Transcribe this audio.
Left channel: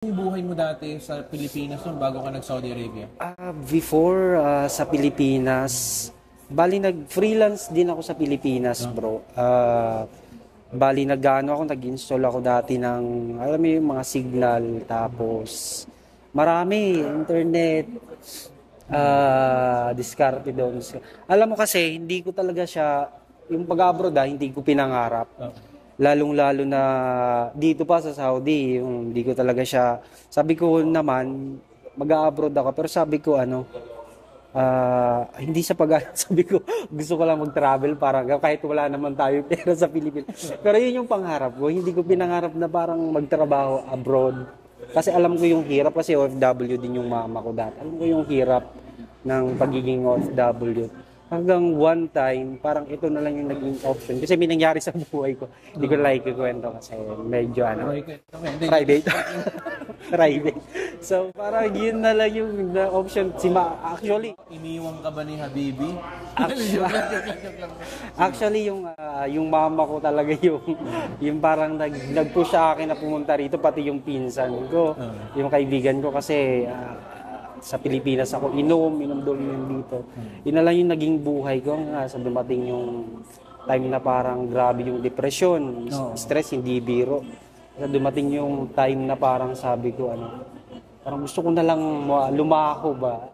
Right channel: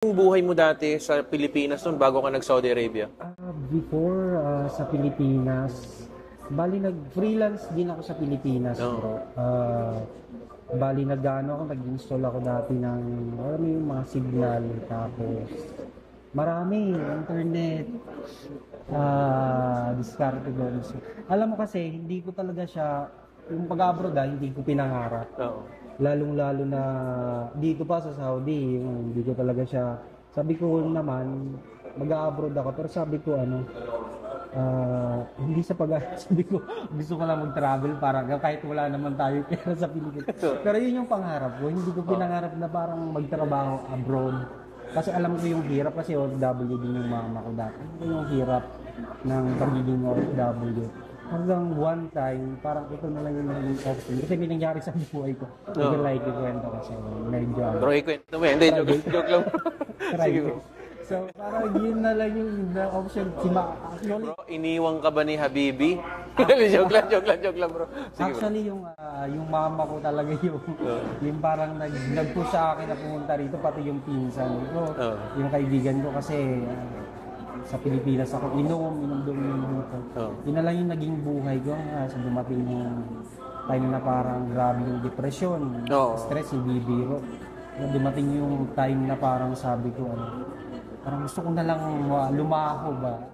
Yung buhay mo dati sa Pilipinas noon bago ka nag-Saudi Arabia? Before sa Pilipinas, bali nag-freelance din ako sa Pilipinas, bro. Bali nag-install ako dati ng, alam mo yung mga signal, tapos marami, internet, diskarte doon. Alam mo kasi, hindi ko talaga siya, yung pag-abroad hindi ko pinangarap. Oo. Lalong-lalo na dito pa sa Saudi, yung hindi ko talaga siya, sabi ko naman, mag-abroad ako, pero sabi ko hindi sa sabi ko, gusto ko lang mag-travel para kahit wala naman tayo pera sa Pilipinas. Pero yun yung pangarap ko, hindi ko pinangarap na parang magtrabaho abroad. Kasi alam ko yung hirap, kasi OFW din yung mama ko dati. Alam ko yung hirap ng pagiging OFW. Hanggang one time, parang ito na lang yung naging option. Kasi may nangyari sa buhay ko. Hindi ko like ikwento kasi medyo Pero ikwento mo, hindi. private. Joke lang. Private. So, parang yun na lang yung option. Actually, Iniwang ka ba ni Habibi? Joke lang bro. actually yung mama ko talaga yung parang nag-push sa akin na pumunta rito, pati yung pinsan ko, yung kaibigan ko, kasi sa Pilipinas ako inom doon dito. Yun na lang yung naging buhay ko sa dumating yung time na parang grabe yung depression, stress, hindi biro. Dumating yung time na parang sabi ko parang gusto ko na lang lumaho ba.